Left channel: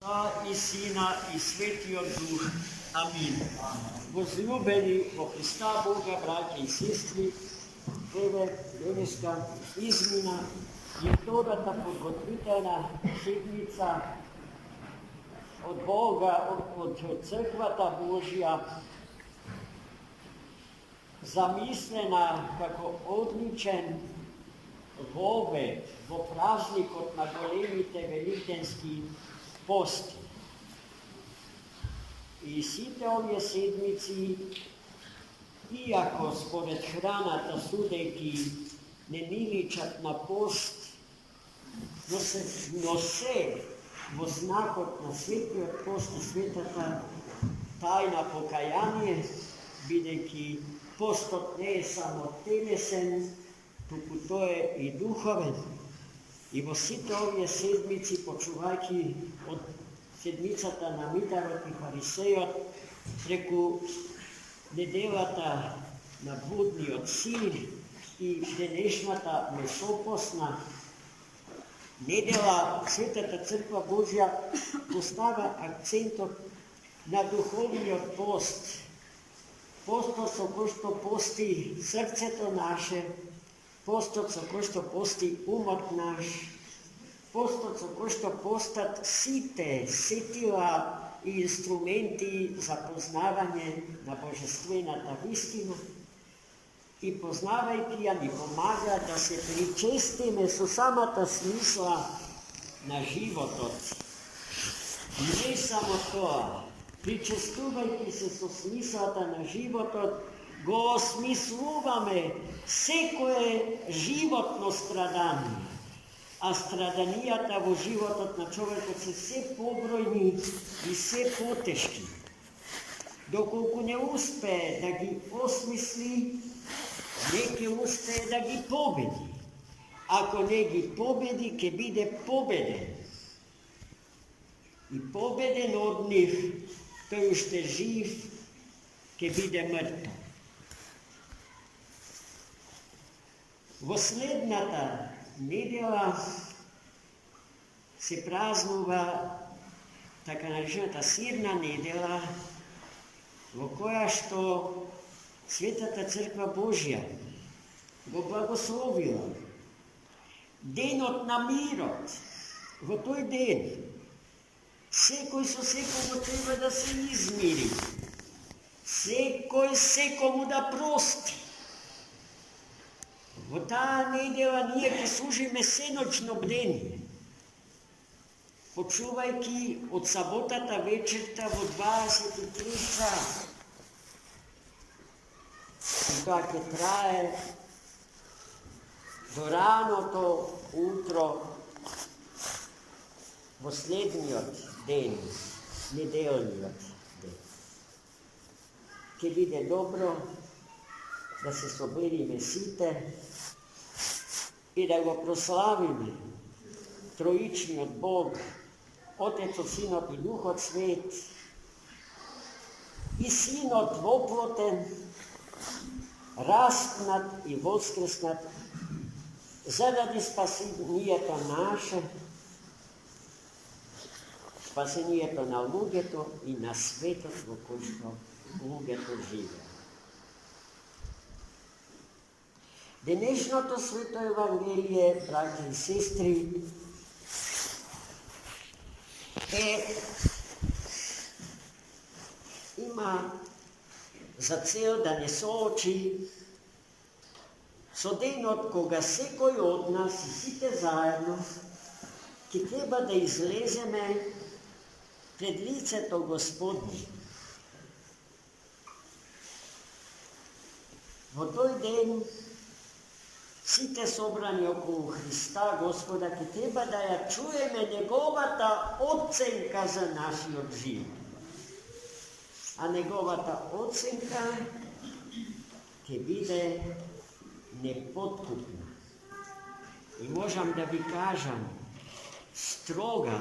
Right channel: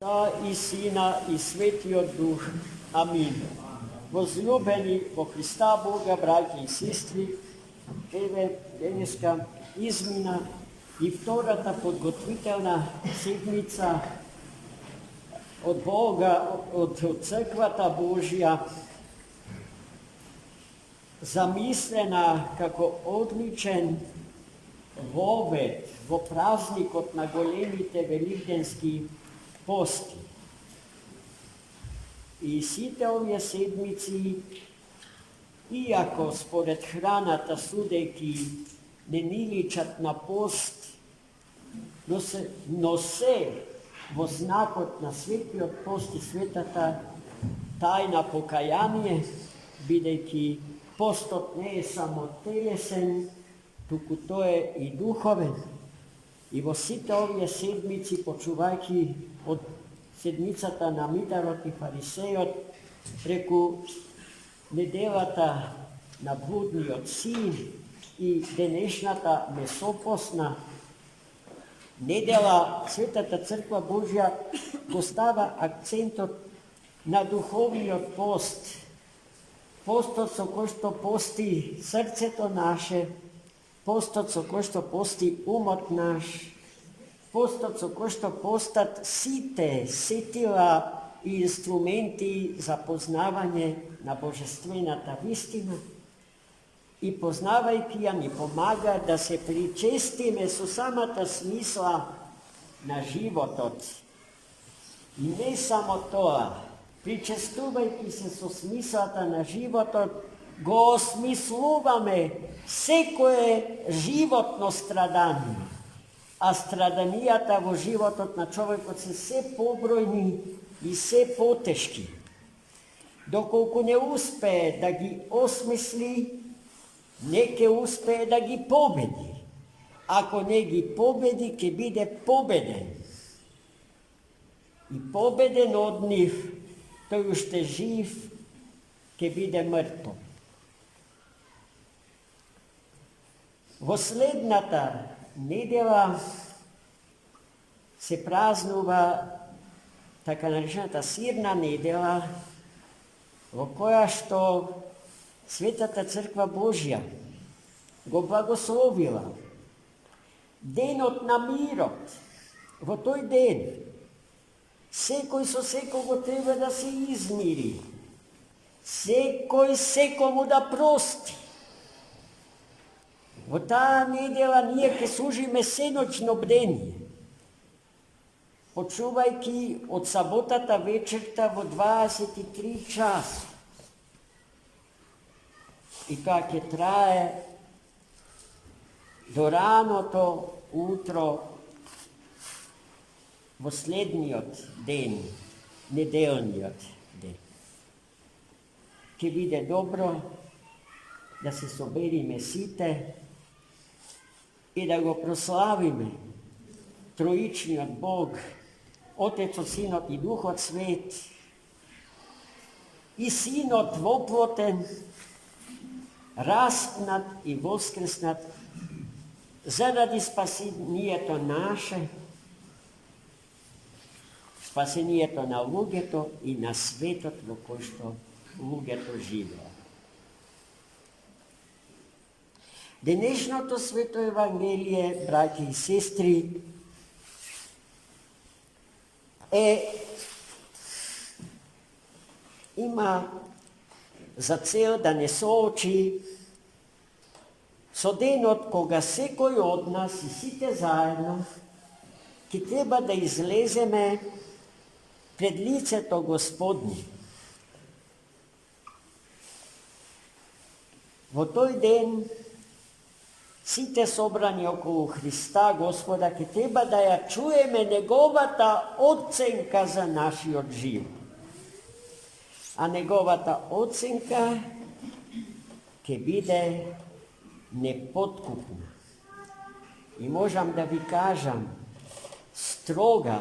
I Sina i Svetijog Duh. Amin. Возлюбени во Христа Бога, браќа и сестри, еве денеска измина и втората подготвителна седмица од Бога, од Црквата Божја, замислена како одличен вовед во празникот на големите великденски пости. И сите овие седмици, иако според храната судејќи не ни личат на пост, но се во знакот на светиот пост и светата тајна покаяние, бидејќи постот не е само телесен, туку тој е и духовен. И во сите овие седмици, почувајќи од седмицата на Мидарот и Фарисејот, преку неделата на блудниот син и денешната месопосна недела, Светата Црква Божја постава акцентот на духовниот пост, постот со кој што пости срцето наше, постот со кој што пости умот наш, постот со кој што постат сите сетила и инструменти за познавање на божествената вистина и познавајќи ја ни помага да се причестиме со самата смисла на животот. Не само тоа, причестувајќи се со смислата на животот, го осмислуваме секое животно страдание, а страданијата во животот на човекот се побројни и се потешки. Доколку не успее да ги осмисли, не ќе успее да ги победи. Ако не ги победи, ќе биде победен. И победен од нив, тој уште жив, ќе биде мртов. Во следната недела се празнува така наречената сирна недела, во која што Светата Црква Божја го благословила денот на мирот. Во тој ден секој со секого треба да се измири, секој секому да прости. Во таа недела ние ќе служиме сеночно бдение, почувајќи од саботата вечерта во 23 часа. И кога ќе трае до раното утро во следниот ден, неделниот ден. Ќе биде добро да се собериме сите и да го прославиме Троичниот Бог, Отецот, Синот и Духот Свет, и Синот воплотен, распнат и воскреснат заради спасението наше, спасението на луѓето и на светот во кој што луѓето живеат. Денешното свето Евангелие, браќи и сестри, има за цел да не соочи со денот кога секој од нас и сите заедно ќе треба да излеземе пред лицето Господне. Во тој ден сите собрани околу Христа Господа ќе треба да ја чуеме неговата оценка за нашиот живот. А неговата оценка ќе биде непоткупна. И можам да ви кажам, строга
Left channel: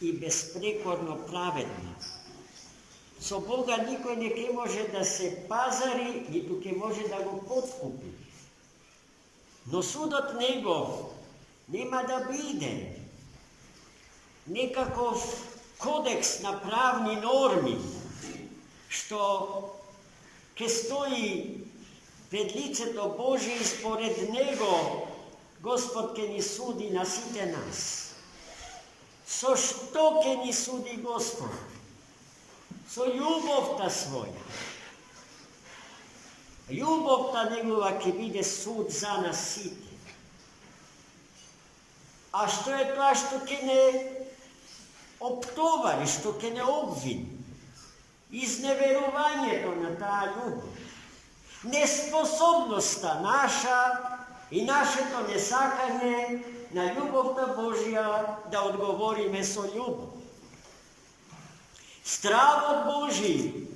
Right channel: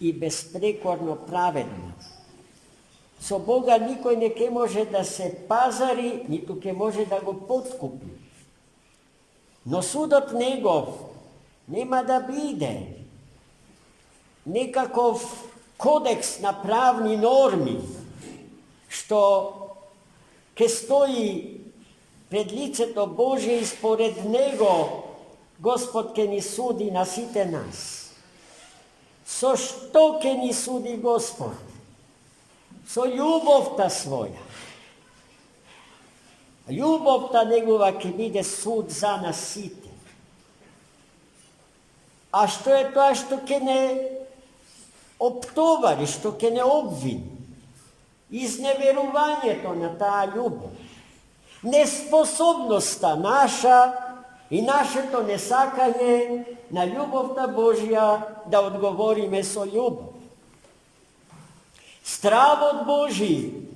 и безпрекорно праведна. Со Бога никој не ќе може да се пазари, ниту ќе може да го подкупи. Но судот негов нема да биде некаков kodeks na pravni normi, što ke stoji pred licето Božje i spored Него, Gospod ke ni sudi na site nas. So što ke ni sudi Gospod? So ljubovta svoja. Ljubovta Negova ke vide sud za nas site. A što je to što ke ne optovari, što ke ne obvini? Izneverovanje to na ta ljubav. Nesposobnosta naša i naše to nesakanje na ljubovta Božja da odgovorime so ljubav. Strav od Božji,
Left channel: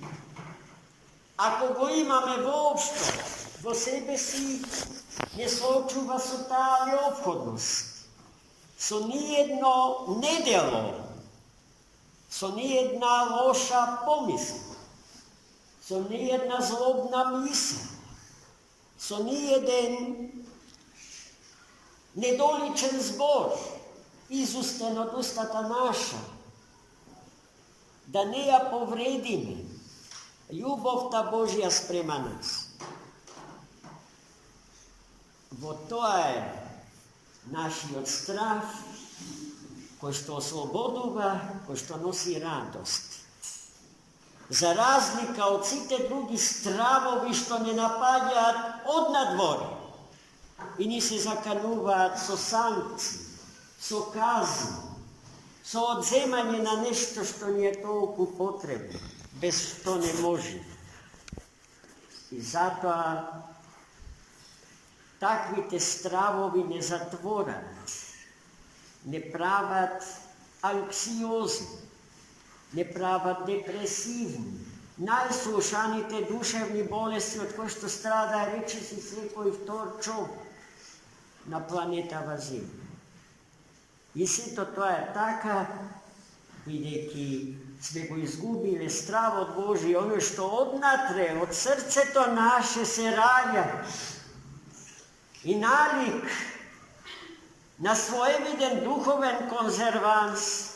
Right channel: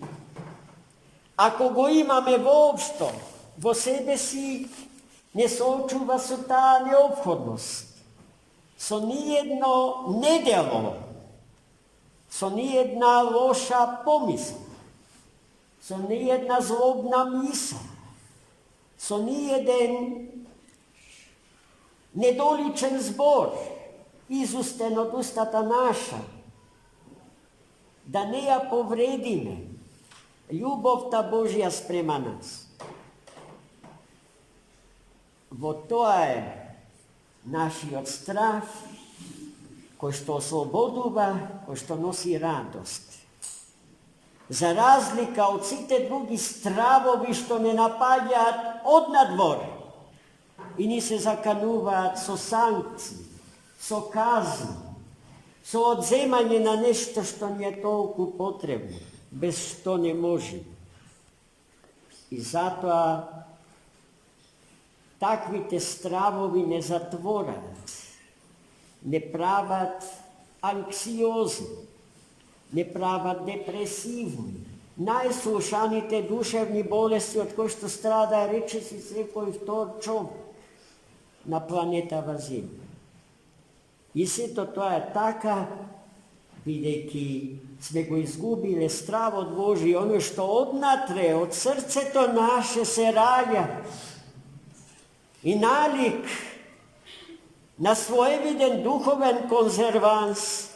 ako go imame voopšto, vo sebe si ne sočuva so ta neophodnost, so nijedno nedelo, so nijedna loša pomisla, so nijedna zlobna misla, so nijeden nedoličen zbor izusten od ustata naša, da ne ja povredime ljubovta Božja sprema nas. Vo to je naši odstrah, ko što osloboduva, ko što nosi radost. Za razlika od site drugih stravovi što ne napadjat od nadvora i ni se zakanuvat so sankciji, so kazni, so odzemanje na nešto što nije toliko potrebno, bez što ne može. I zato takvite stravovi ne zatvorat, ne pravat anksiozni, ne pravat depresivni, najslušanite duševni bolesti od koje što strada, reče si svekoj vtor čovjek na planetava Zemlja. I sve to je taka, videki sme go izgubile strah od Božji, ono što odnatre, od srce to naše se raja i nalik na svojeviden duhoven konzervans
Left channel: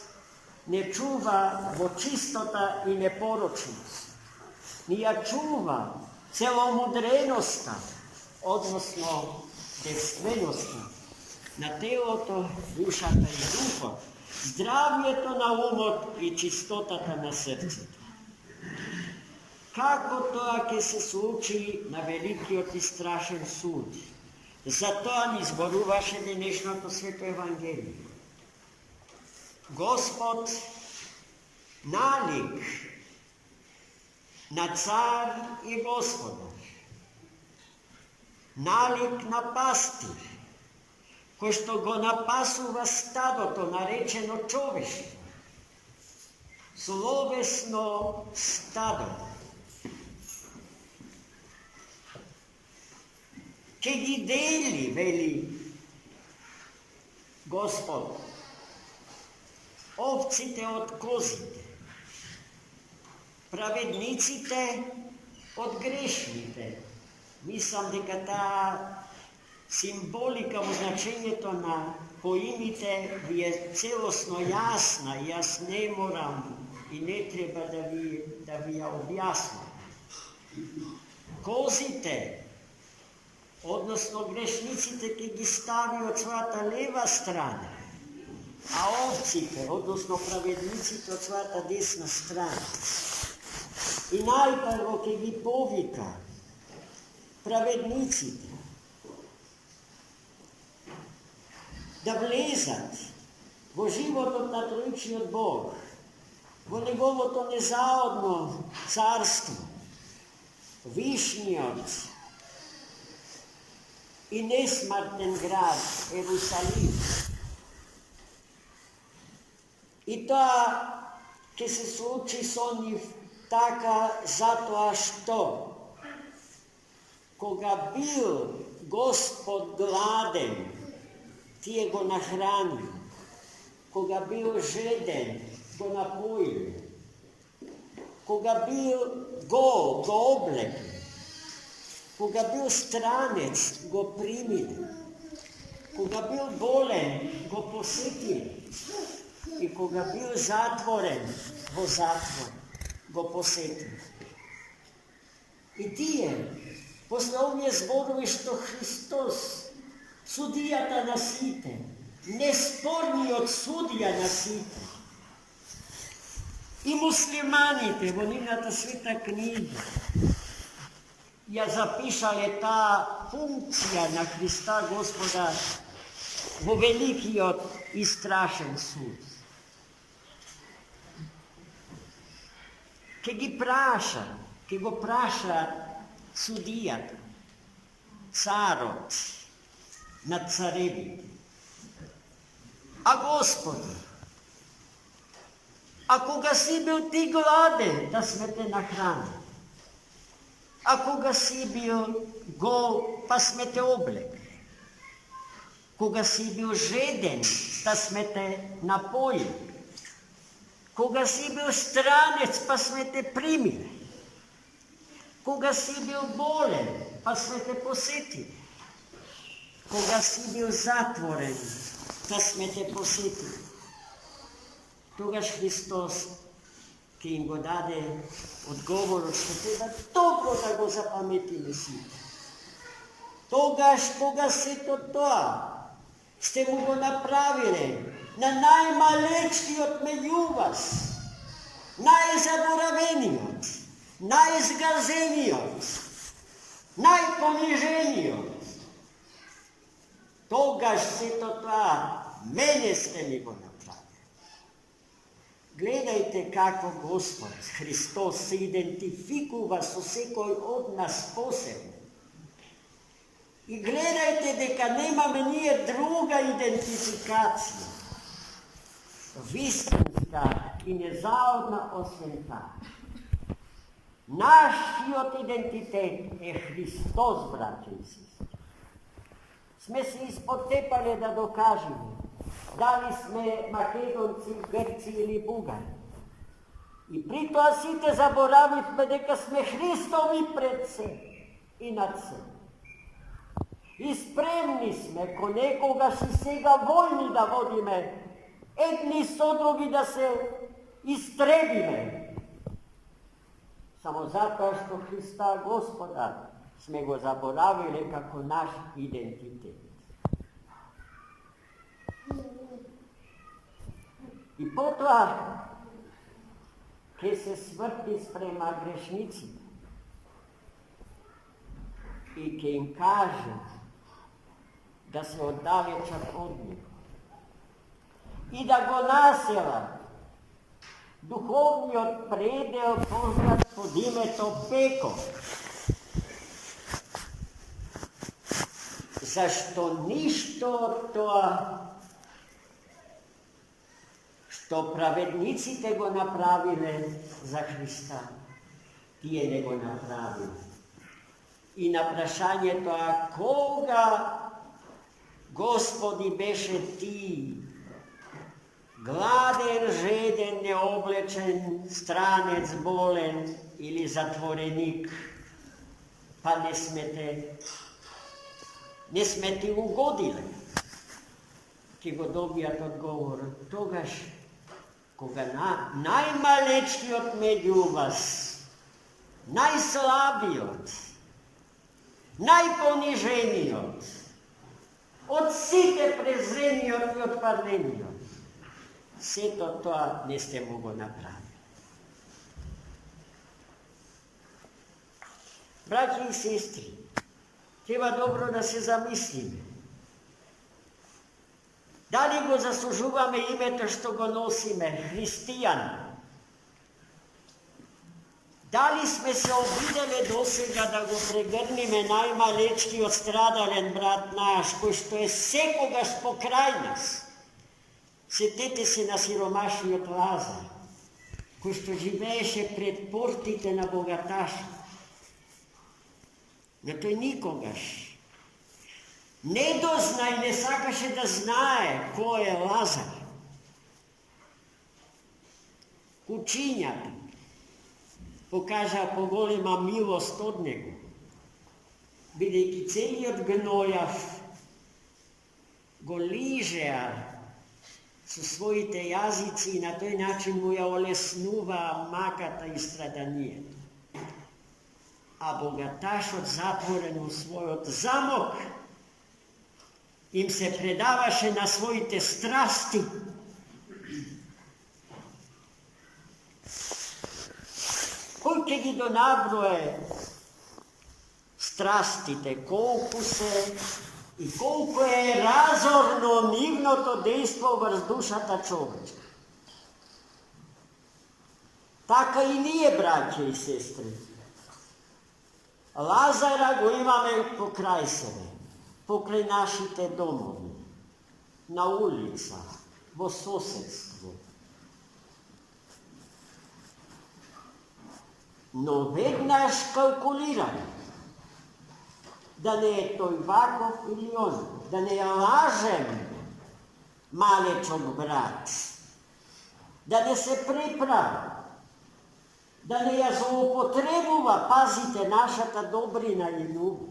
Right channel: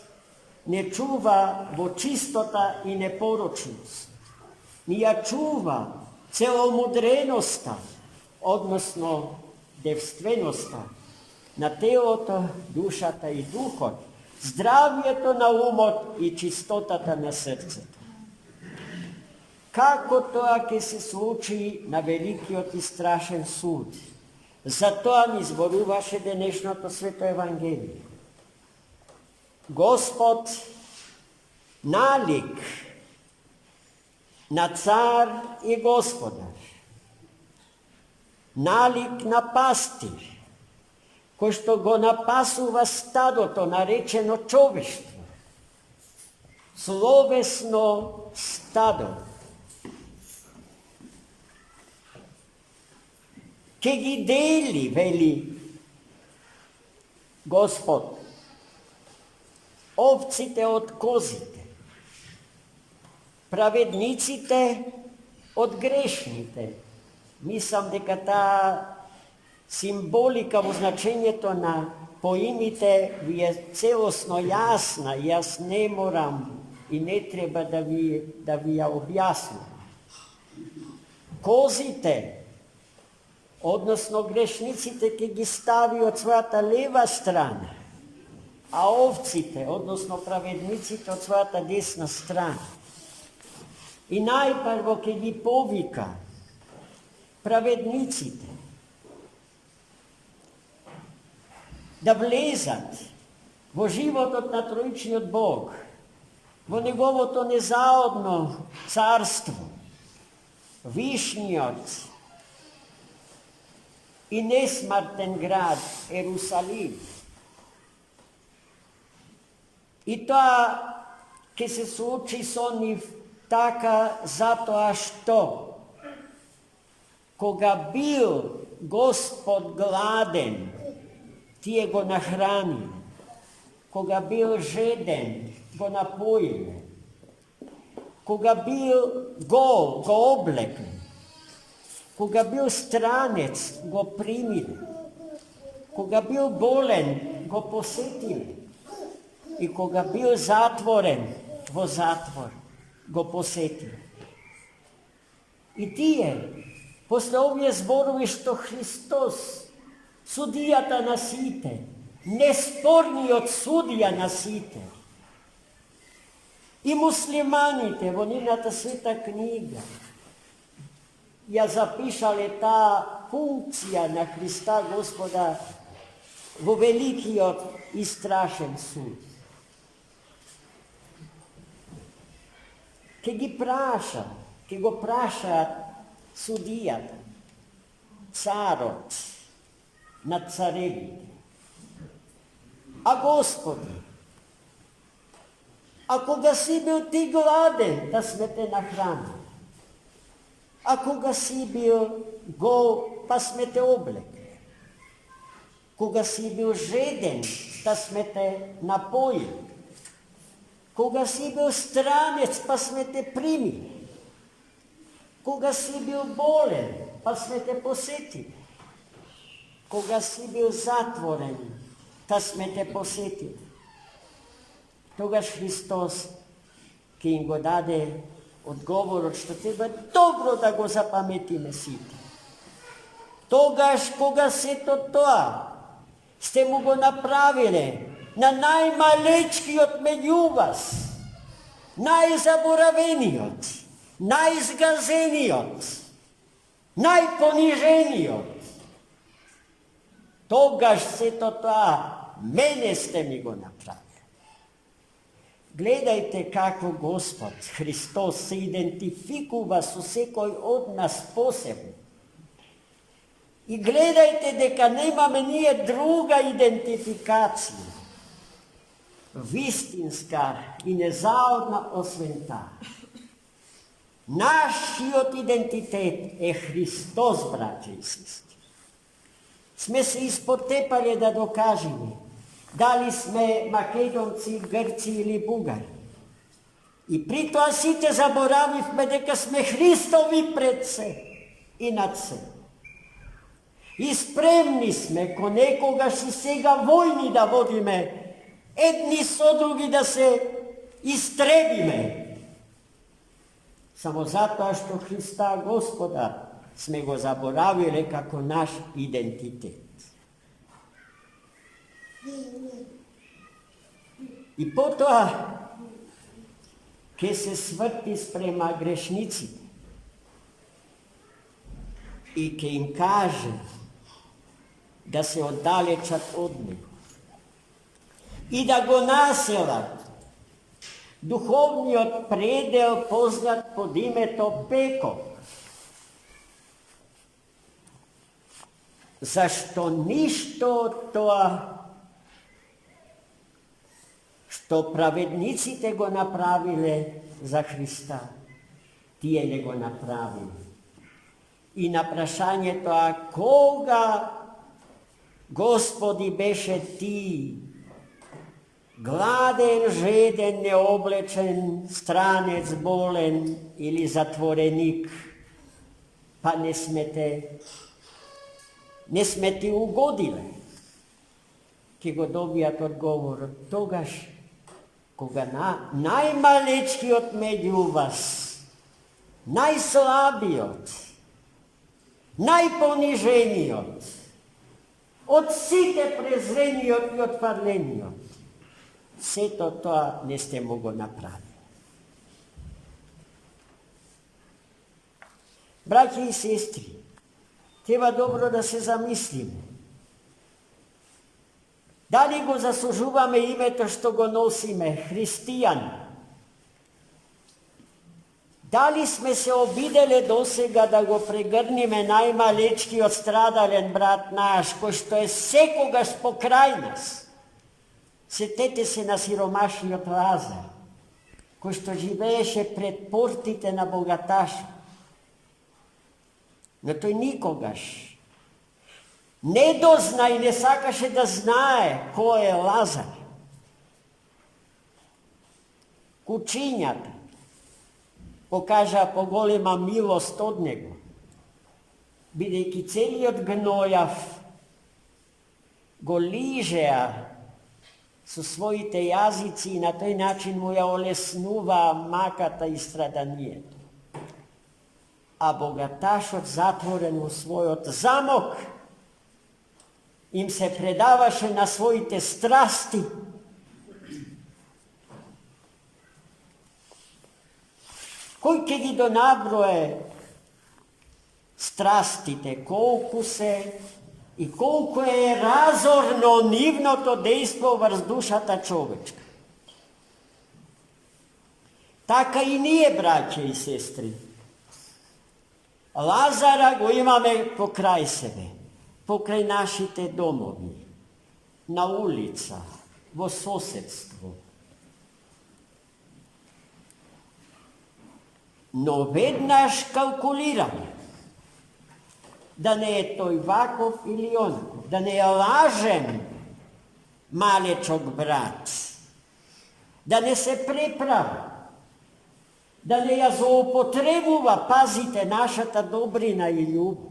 ne čuva vo čistota i neporočnost, nija čuva celomudrenosta, odnosno devstvenosta, na teoto dušata i duhot, zdravje to na umot i čistotata na srce. Kako to, ake se sluči na veliki i strašen sud? Zato ni zboruvaše dnešното sveto evangelije. Gospod nalik na car i gospodar, nalik na pastir, ko što go napasuva stado, to narečeno čoveštvo, slovesno stado, ke gi deli, veli Gospod, ovcite od kozite, pravednicite od grešnite. Mislim, дека ta simbolika v značenje to na pojmite je celostno jasna. Jaz ne moram i ne treba da vi ja objasnim. Kozite, odnosno grešnicite, ki gi stavi od svata leva strana, a ovcite, odnosno pravednicite od svata desna strana. I najprvo, ki gi povika, pravednicite, da vlezat vo život od natrojični od Boga, vo njegovo to nezaodno carstvo, višnji oc i nesmarten grad Jerusalim. I to, ki se sluči s onih taka zato, a što koga bil Gospod gladen, tije go nahranil, koga bil žeden, go napojil, koga bil gol, go oblekl, koga bil stranec, go primil, koga bil bolen, go posetil, i koga bio zatvoren, vo zatvor, go posjetio. I tije, posle ovije zborovi što Hristos sudijata nasite, nesporni od sudija nasite. I muslimanite, voninata svita knjiga, ja zapišale ta funkcija na Hrista Gospoda vo veliki i strašen sud. Ke go praša sudijat, carot nad carevite. A Gospodu, ako ga si bil ti gladen, da sme te nahranili, ako ga si bil gol, pa sme te oblekli, koga si bil žeden, da sme te napojili, koga si bil stranec, pa sme te primili, koga si bil bolen, pa sme te posjetili, koga si bil zatvoren, da sme te posjetili. Togaž Hristos, ki jim go dade odgovor, što treba dobro da go zapametime si. Togaž, koga se to, ste mu go napravili, na najmalečki od među vas, najzaboravenijot, najzgazenijot, najponiženijot. Togaž se to, mene ste mi go napravili. Gledajte kako Gospod Hristos se identifikuje s vsekoj od nas posebno. I gledajte deka nemame nije druga identifikacija, vistinska i nezaodna osvem ta. Naš identitet je Hristos, braće i sestre. Sme se ispotepali da dokažemo. Da li sme Makedonci, Grci ili Bugari. I pri to site zaboravivme deka sme Hristovi predse i nad se. I spremni sme ko nekoga si sega vojni da vodime, jedni so drugi da se istrebime. Samo zato što Hrista Gospoda sme go zaboravili kako naš identitet. I potom, ke se smrti sprema grešnici i ke im kaže da se oddalečat od njih i da go nasela duhovni od predel poznat pod imetom peko. Zašto ništo to što pravednici te go napravile za Hrista, tije nego napravili. I na prašanje to, a koga, Gospodi, beše ti, gladen, žeden, neoblečen, stranec, bolen ili zatvorenik, pa ne sme ti ugodile. Ki go dobijat odgovor, togaž koga najmalečki od među vas, najslabijot, najponiženijot, od site prezrenijot i odparlenijot, sve to ne ste mogo napraviti. Braći i sestri, treba dobro da se zamislime. Da li go zaslužujeme imето što go nosime, hristijan? Da li sme se obidele dosega da go pregrnime najmalečki odstradalen brat naš, ko što je sekogaš pokraj nas? Setete se na siromašni od Lazara, ko što živeše pred portite na bogataša. No to je nikogaš. Ne dozna i ne sakaše da znaje ko je Lazar. Kučinjati pokaže po golema milost od njega. Бидейки целият гнояв го лижеа со своите јазици и на тој начин му ја олеснува маката и страданието. А богаташот затворен у својот замок им се предаваше на своите страсти. Кој ќе ги донаброe страстите, колку се и колку е разорно нивното дејство врз душата човечка. Така и ние, браќа и сестри. Лазара го имаме покрај себе, покрај нашите домови, на улица, во соседство. Но веднаш калкулираме да не е тој ваков или он, да не ја лажем малечок брат, да не се преправа, да не ја злоупотребува, пазите, нашата добрина и љубов.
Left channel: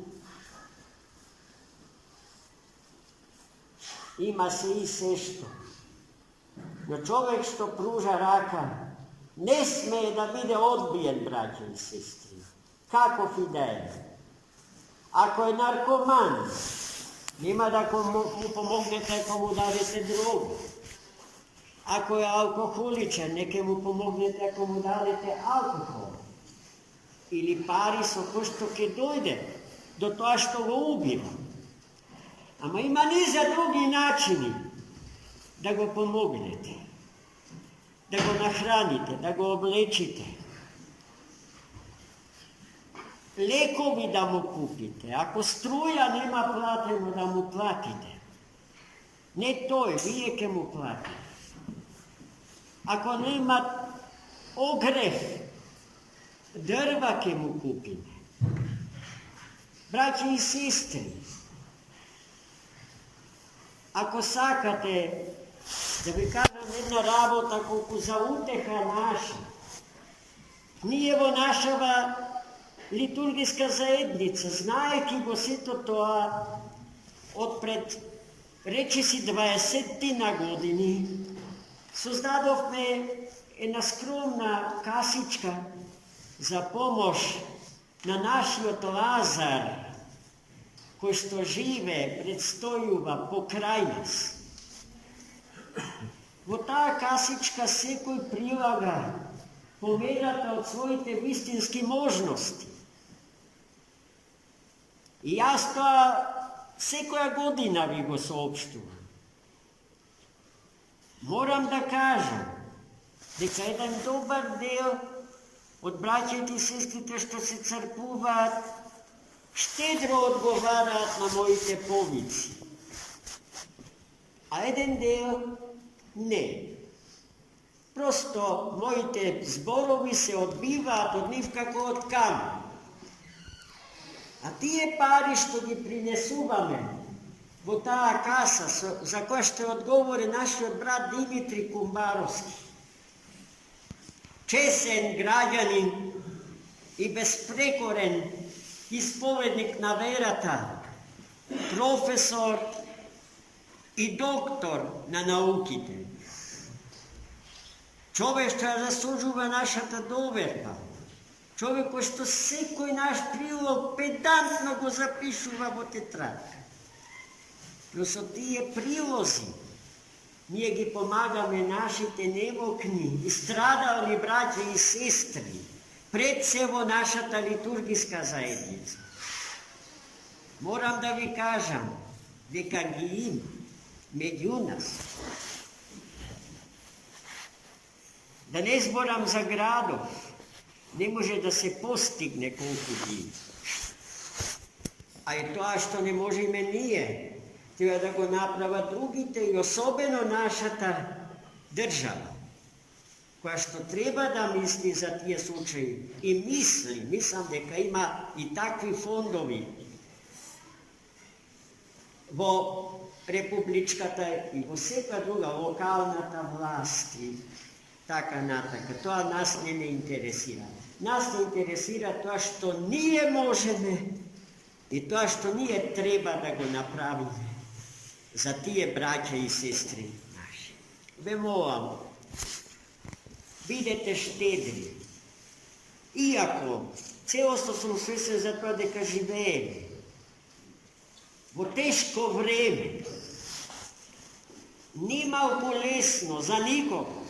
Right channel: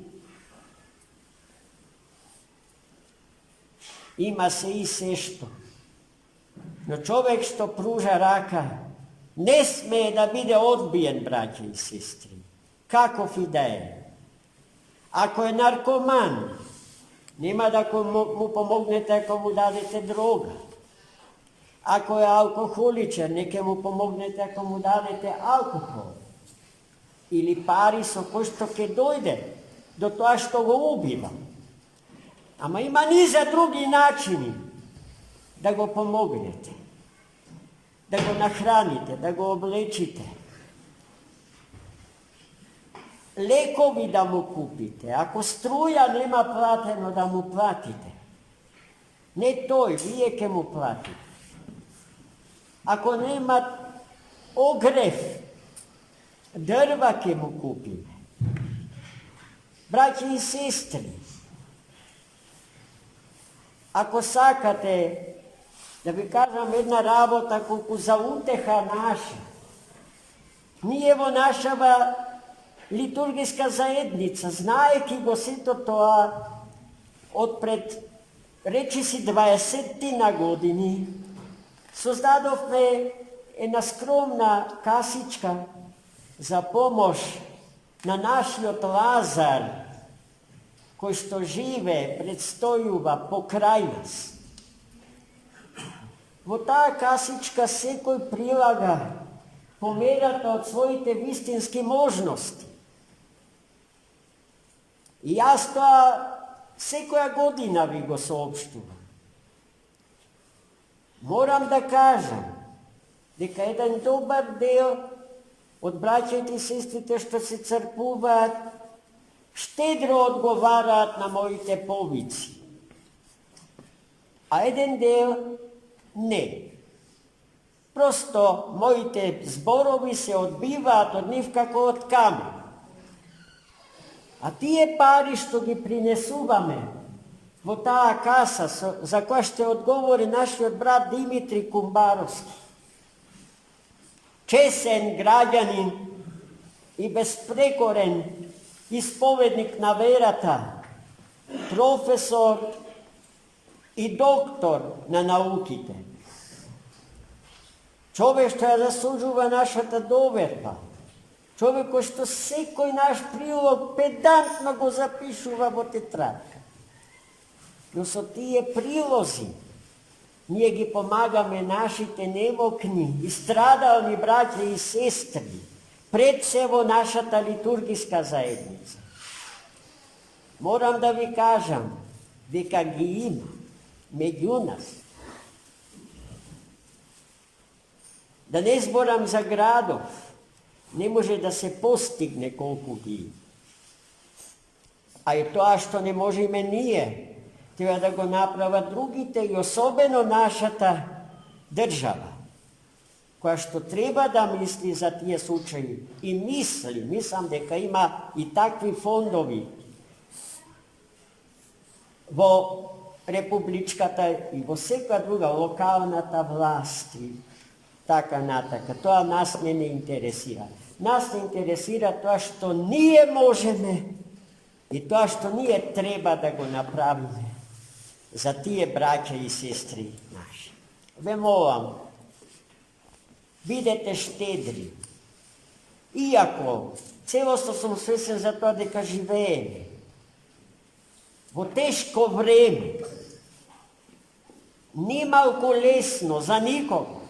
Има се и се што, но човек што пружа рака не смее да биде одбиен, браќа и сестри, каков и да е. Ако е наркоман, нема да му помогнете ако му дадете дрога. Ако е алкохоличен, нека му помогнете ако му дадете алкохол. Или пари со кој што ќе дојде до тоа што го убива. Ама има низа други начини да го помогнете, да го нахраните, да го облечите. Лекови да му купите, ако струја нема платено да му платите. Не тој, вие ќе му платите. Ако нема огрев, дрва ќе му купиме. Браќи и сестри, ако сакате, да ви кажам една работа колку за утеха наша, ние во нашава литургиска заедница, знаеки го сето тоа, од пред речиси 20 на години, создадовме една скромна касичка за помош на нашиот Лазар, кој што живе, предстојува покрај нас. Во таа касичка секој прилага померата од своите вистински можности. И јас тоа секоја година ви го соопштувам. Морам да кажам дека еден добар дел од браќите и сестрите што се цркуваат штедро одговараат на моите повици, а еден дел не. Просто моите зборови се одбиваат од нив како од камен. А тие пари што ги принесуваме во таа каса, за која ще одговори нашиот брат Димитри Кумбаровски, чесен граѓанин и безпрекорен исповедник на верата, професор и доктор на науките. Човек што ја заслужува нашата доверба, човек кој што секој наш прилог педантно го запишува во тетрадка. Но со тие прилози ние ги помагаме нашите немокни и страдални браќа и сестри, пред се во нашата литургиска заедница. Морам да ви кажам дека ги има меѓу нас. Да не зборам за градов, не може да се постигне колку ги. А и тоа што не можеме ние, треба да го направат другите и особено нашата држава, која што треба да мисли за тие случаи и мислам дека има и такви фондови во републичката и во секоја друга локалната власт и така натака. Тоа нас не интересира. Нас не интересира тоа што ние можеме и тоа што ние треба да го направиме за тие браќа и сестри наши. ve molam, бидете штедри. Иако целосно сум свесен за тоа дека живееме во тешко време, не малку лесно за никого.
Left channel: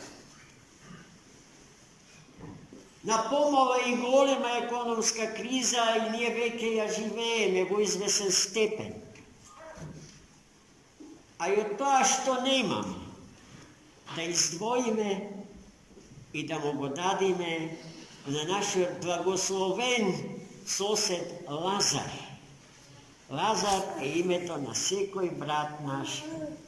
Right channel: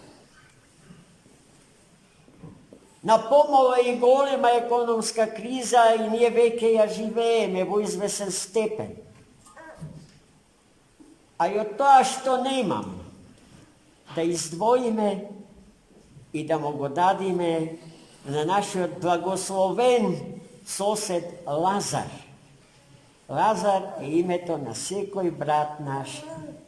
Напомова и голема економска криза и ние веќе ја живееме во извесен степен. А и од тоа што немаме, да издвоиме и да му го дадиме на нашиот благословен сосед Лазар. Лазар е името на секој брат наш,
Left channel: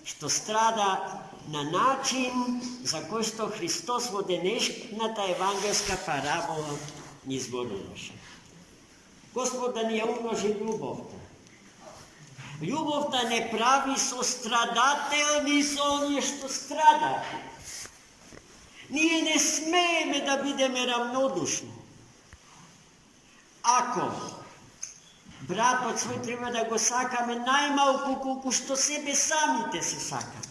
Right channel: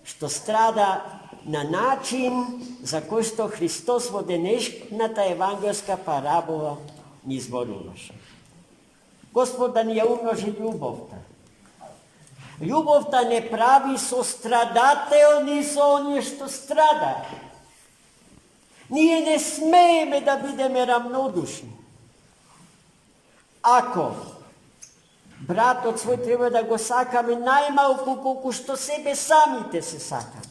што страда на начин за кој што Христос во денешната евангелска парабола ни зборуваше. Господ да ни ја умножи љубовта. Љубовта не прави сострадателни со оние што страдаат. Ние не смееме да бидеме рамнодушни. Ако братот свој треба да го сакаме најмалку колку што себе самите се сакаме.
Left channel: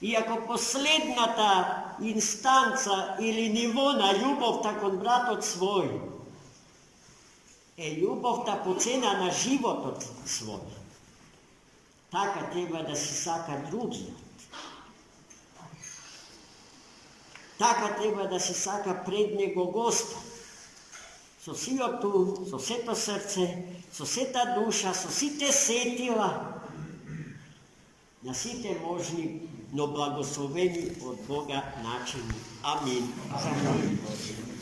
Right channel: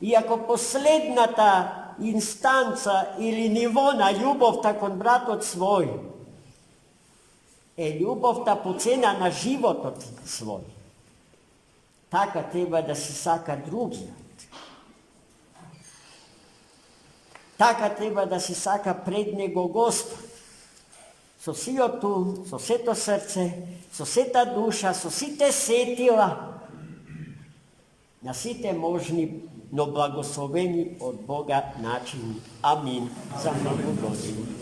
И ако последната инстанца или ниво на љубовта кон братот свој е љубовта по цена на животот свој, така треба да се сака другиот. Така треба да се сака пред него Господ. Со сиот ум, со сето срце, со сета душа, со сите сетила, на сите можни, но благословени од Бога начини. Амин. За многу години.